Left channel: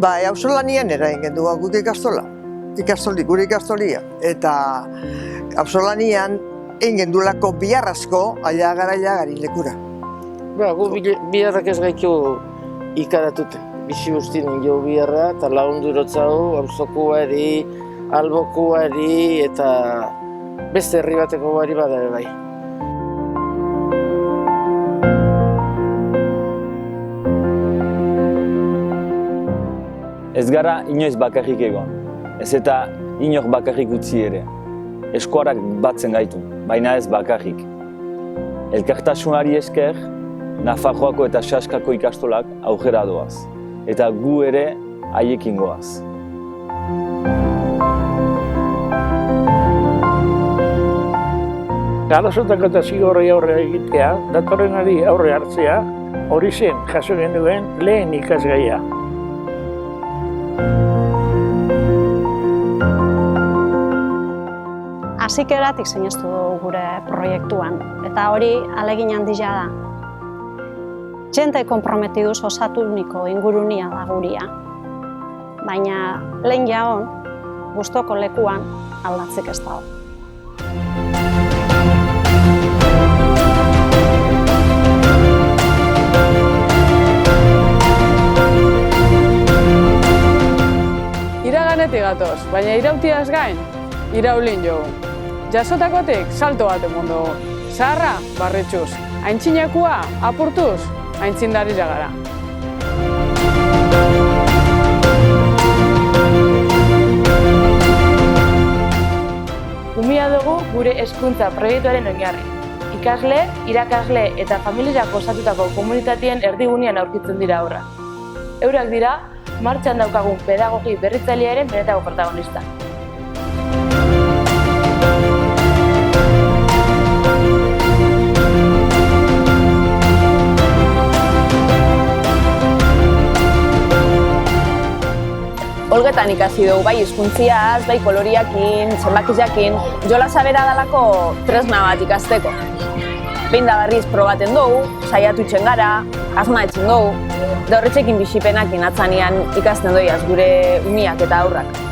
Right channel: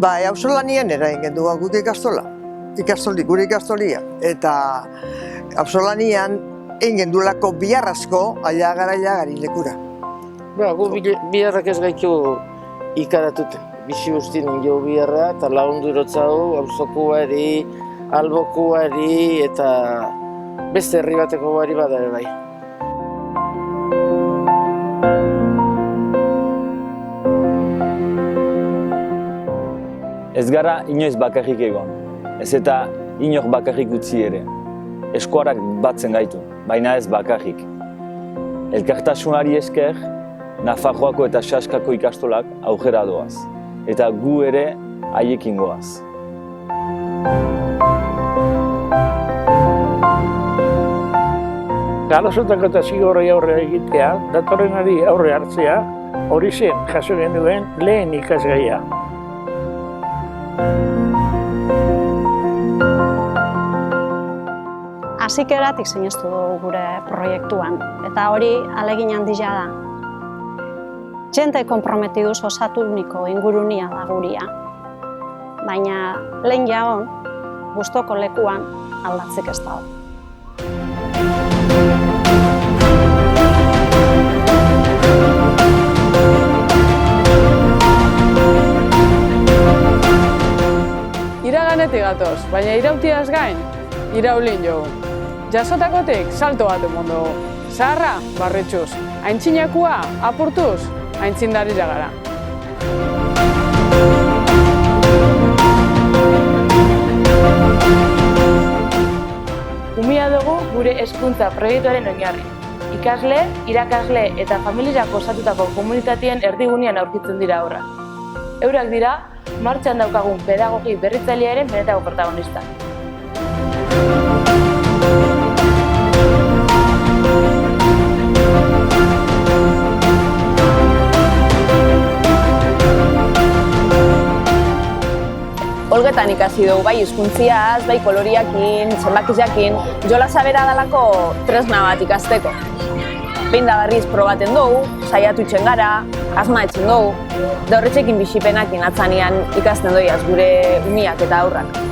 Bai, auzolanian egin du guk gure ikastolia. Eta auzolanian egin duelako bihar asko, aila gari lekura. Gu biharrak ez gaitu ikaratuten. Bizi guztien jo biharra eta lagundurotzau, auzokuari, albokuari eta beste herri bateko bari bada bai. Ez gara inoiz bakarrik egon, ez eta inor bakarrik utzi ere. Eskuarak batzen gaitu, baina ez bakarrik. Elkartasunari esker, Nafarroako eta Saskako ikastolak aurrera doaz, eta gu ere haiekin goaz. Galasotako eta zigorrei aurre egitea, datorrenari aurre hartzea, hori zen jaso genuen lehen ikasgaia. Hasieratik sinestu dugu gure proiektuan, eta hori ahalegin handia da. Jente konprometiduz osatuniko ingurunia da guria, baina lehen jaon, gustoko lekuan aldatzik ez dago. Iraganetik gatoz, baina irautiaz gain, iraulin jogu. Jasotakotik salto bat emon dugu. Zaharra, barritxuz. Aintzinekua, apurtuz, aintzindari jagara. Umia dugu gure hezkuntza proiektuaren oinarri. Ikasle, irakasle eta familiak osatutako komunitatien erdigunean aurkitzen dira haurrak. Eurak dira, martxan daukagun pedagogi berritzailearen benetako protagonista. Olgetan ikasi dugu, bai hizkuntziaz, bai koloriakin, zenbakiakin, jolasa bera dalako tresna bat ikasteko. Behin da berriz probaten dugu, saiatu itzen gara, asma etzen dugu, da horretxekin bizipenakin atzanean ikasten doiaz gure umiak eta aurrak.